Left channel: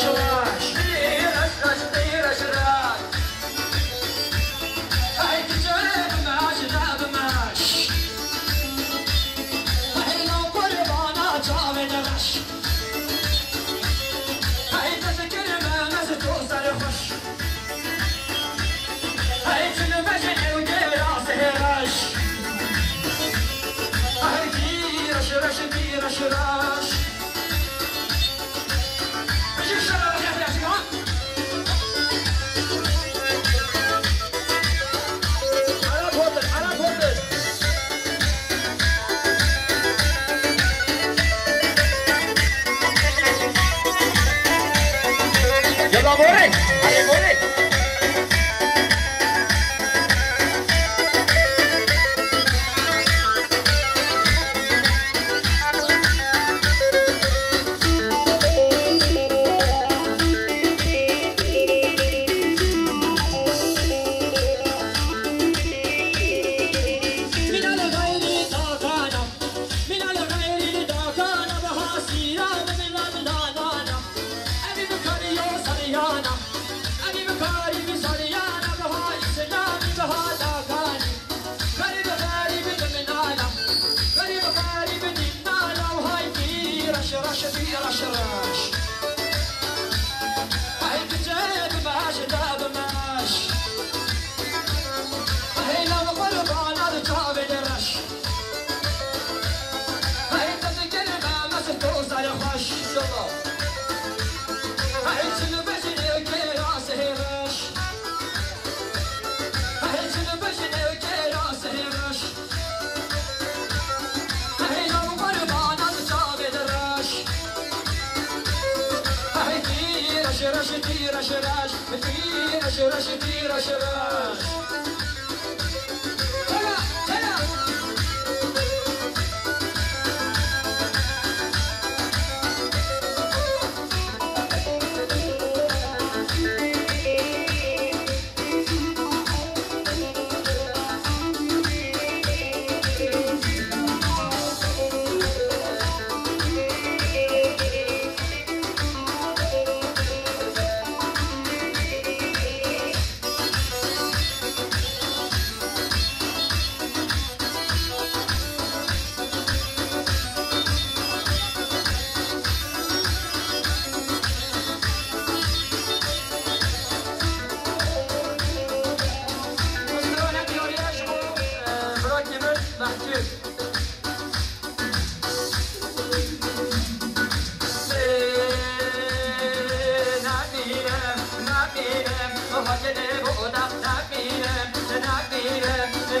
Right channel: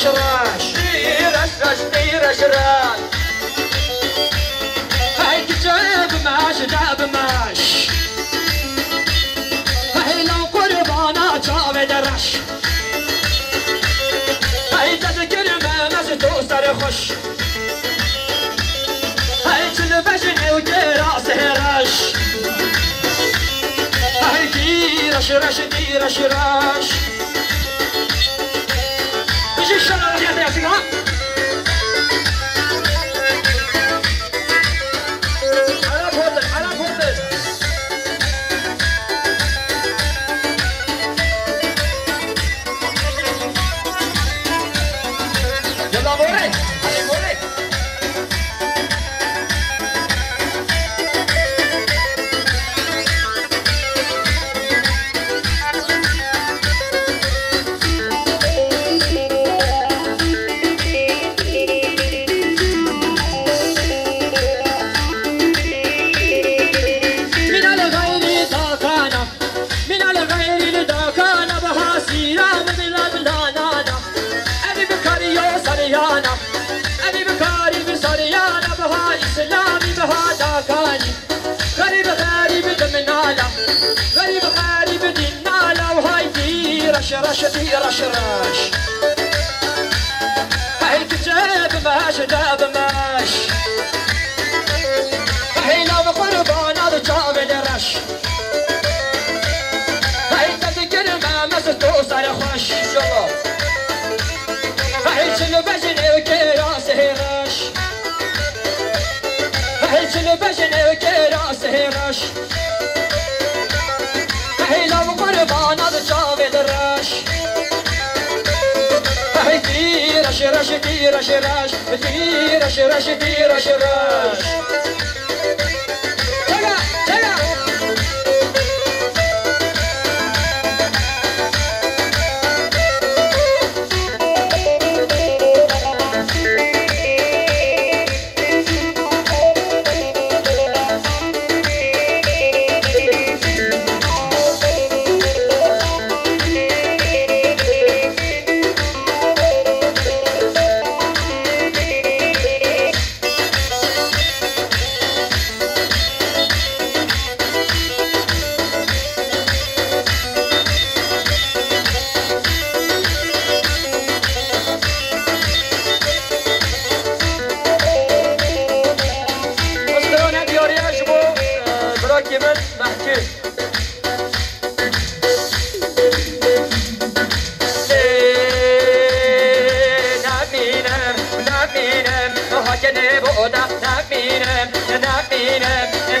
رش رش رش رش هاي كتاب ماش داب ماش هاي لو قربانا جاب درش هاي تذكر ما نسيتو صار خوش هاي تلفزني وكراسه رش هاي دي رش رش دي رش رش ايش الشغله يا جماعه يلا موري علي موري رش دي رش رش هاي كتاب ماش داب ماش هاي لو قربان رجاب درش هاي تذكر ما مسدو صار خوش يلا هاي تلفزني وكراسه رش هاي تلفزني وكراسه رش هاي لو قربان رجاب درش رش رش دي رش رش دي رش رش دي رش رش تلا تلا كمان بحكي نبينم وهكذا بودا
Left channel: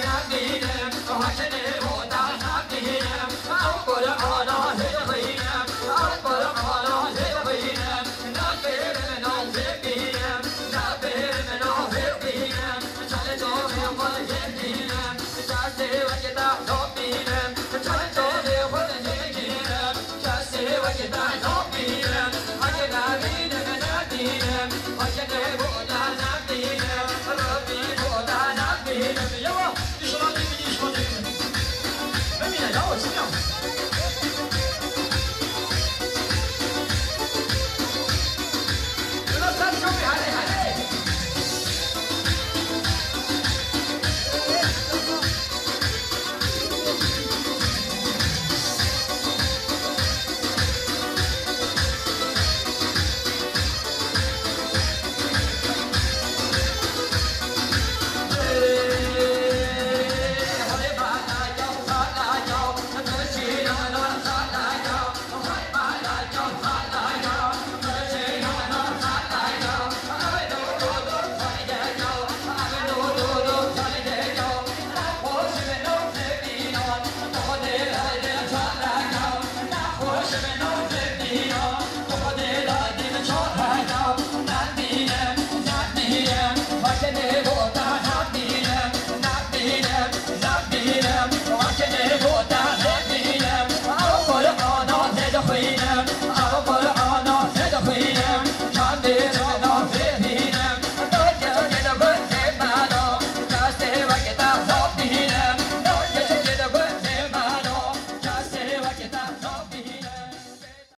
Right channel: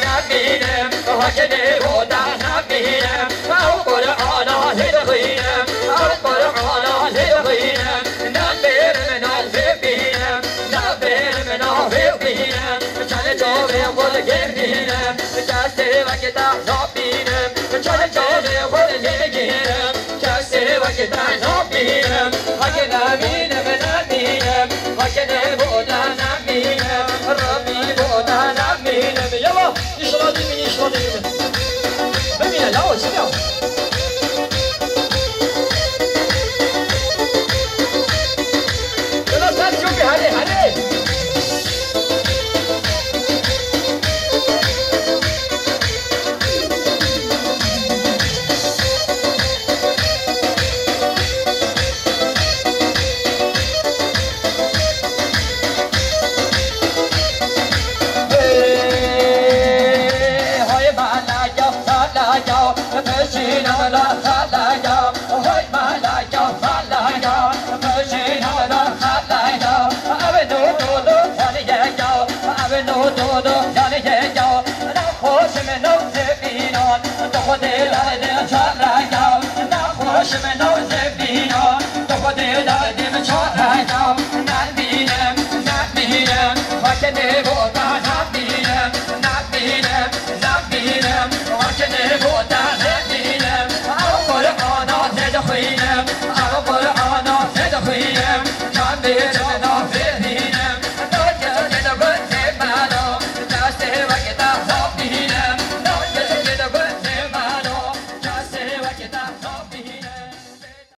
نبينم وهكذا بودا نبينم أو قرآن هدغينم أو قرآن هدغينم نبير من الهبينم نبير من الهبينم كان جوبي والجبينم كاسي وكتا نبينم كان جوبي والجبينم كاسي وكتا نبينم هكذا بينم نبينم وكذا بودا نبينم ربي بودا نبينم يلا يشغل بمين لا وسلام يلا صار شوفي هذه Get up.